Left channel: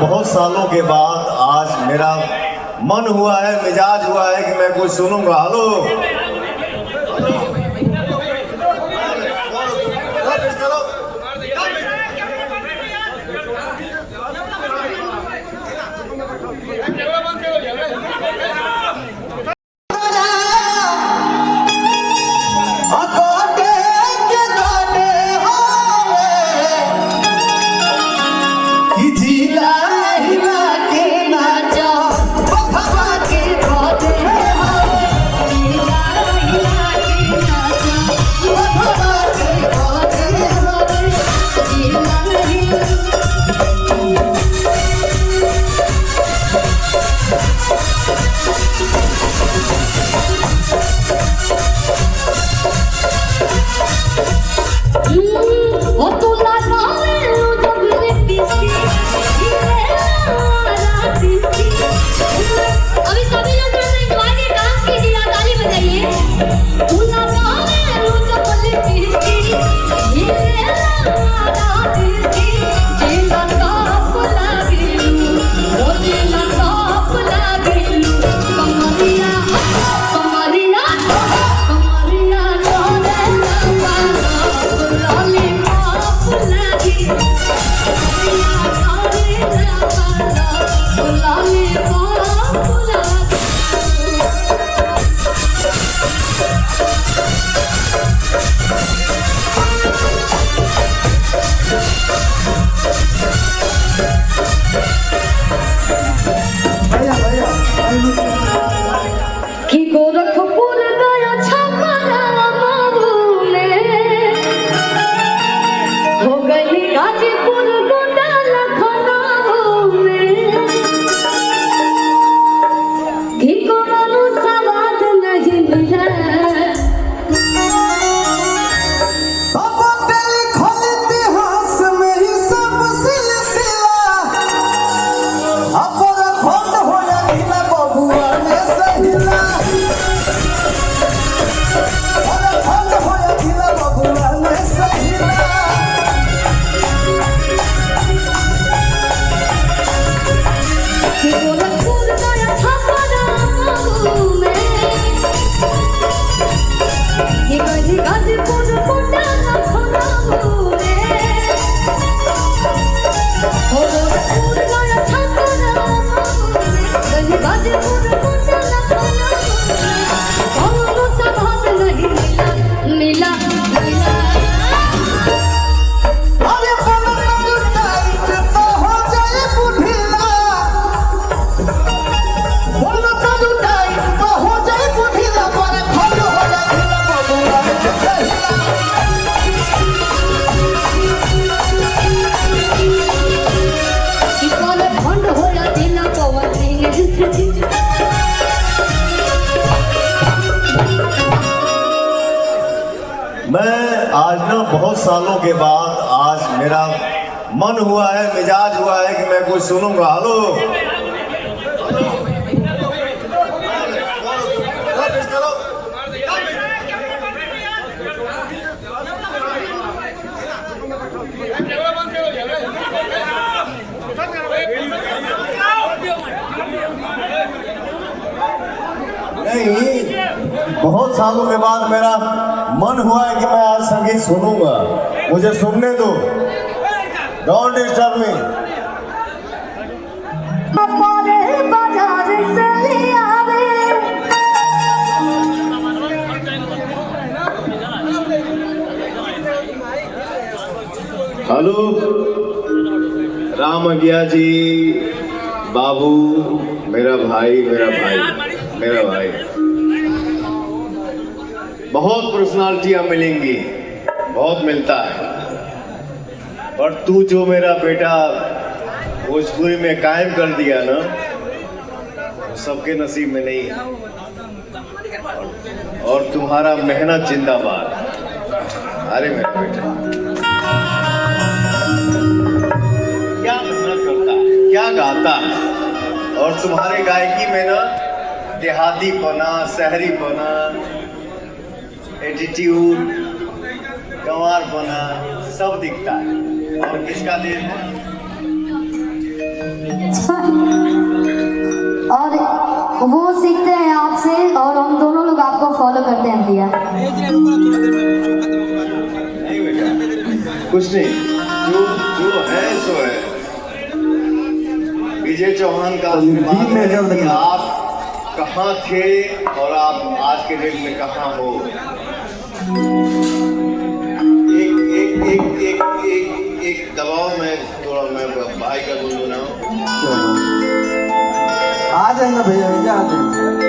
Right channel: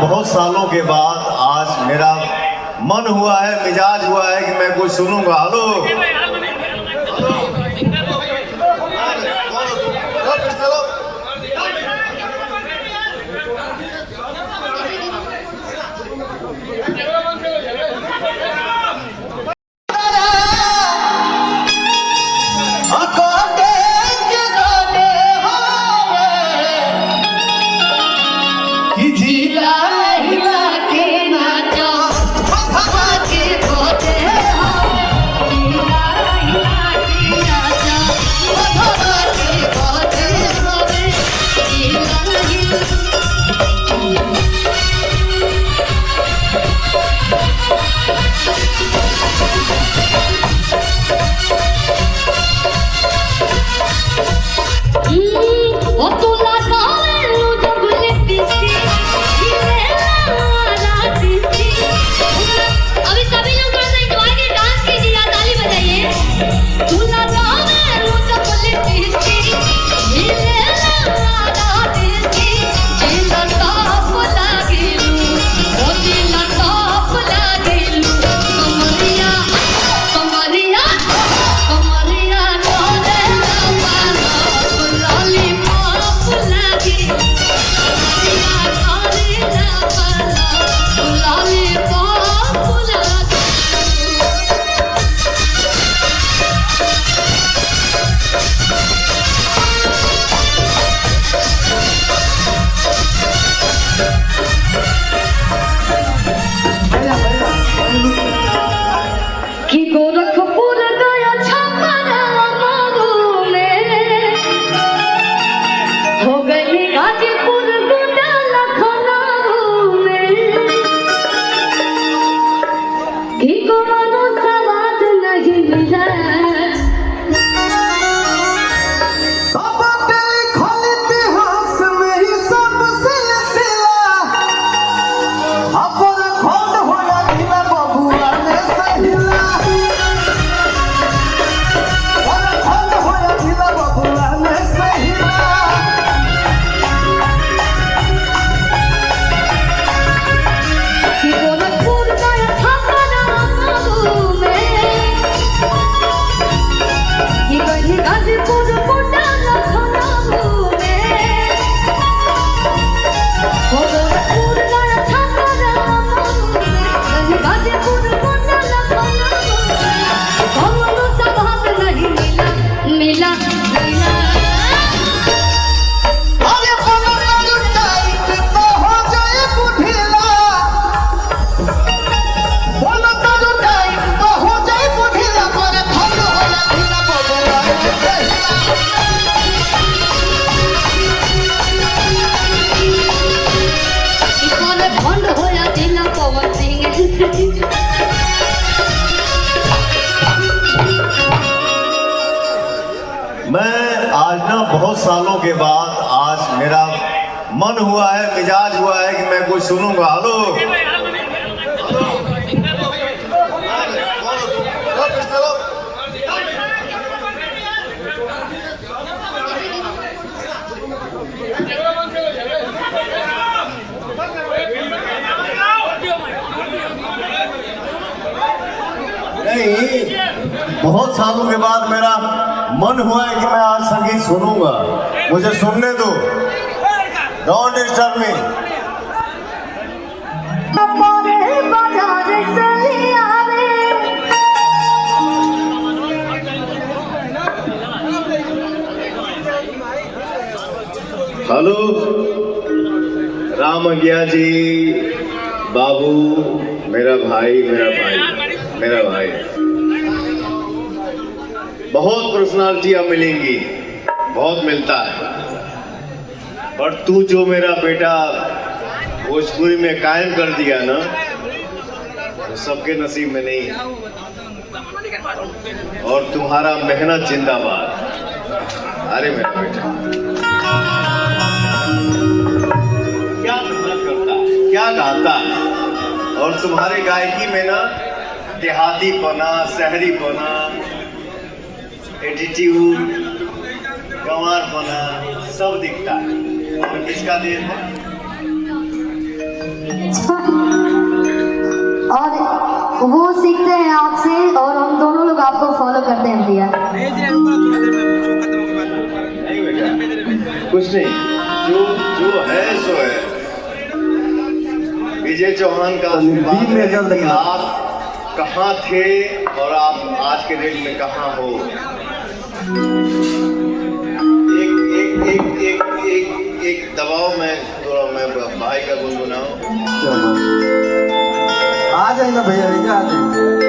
बहुत सालों के बाद आज मेरा मन हुआ है, मिजाज हुआ है कि मैं कुछ सुनूंगा। हेलो मैं आज ना बहुत सालों के बाद आज मेरा मन हुआ है, मिजाज हुआ है कि मैं कुछ सुनूंगा। हेलो नहीं, बहुत सालों के बाद मेरा मन हुआ है कि मैं आज संगीत सुनूंगा। मुझे सुनने दो, don't disturb me. Hello Ram अज्ञा जी, बाबू, मेरा भाई बहुत पर्सनालिटियां मिलेंगी, बहुत मिलता है, पर तू जो मेरा बेटा भोजपुरी में कायम कर दिया ना, वो सबके नसीब में नहीं है। और तुम्हारा मेहनत जिंदाबाद। अरे मेरा बेटा क्या मेहनत करता है, क्या गाता है, और तुम्हारे गायकी में ना देहाती पना, शहरी पना, एटीट्यूड, गंवार पना सब दिखता है। और किसका देन है? कुछ नहीं, जो जो है सो है। विजय चौहान का आशीर्वाद है कि आप कहाँ थे और आप आज के डेट में कहाँ हो। एक दबाव में थोड़ा मैं भाई का गुनगुनाऊं। आ जाएंगे भैया, नहीं जा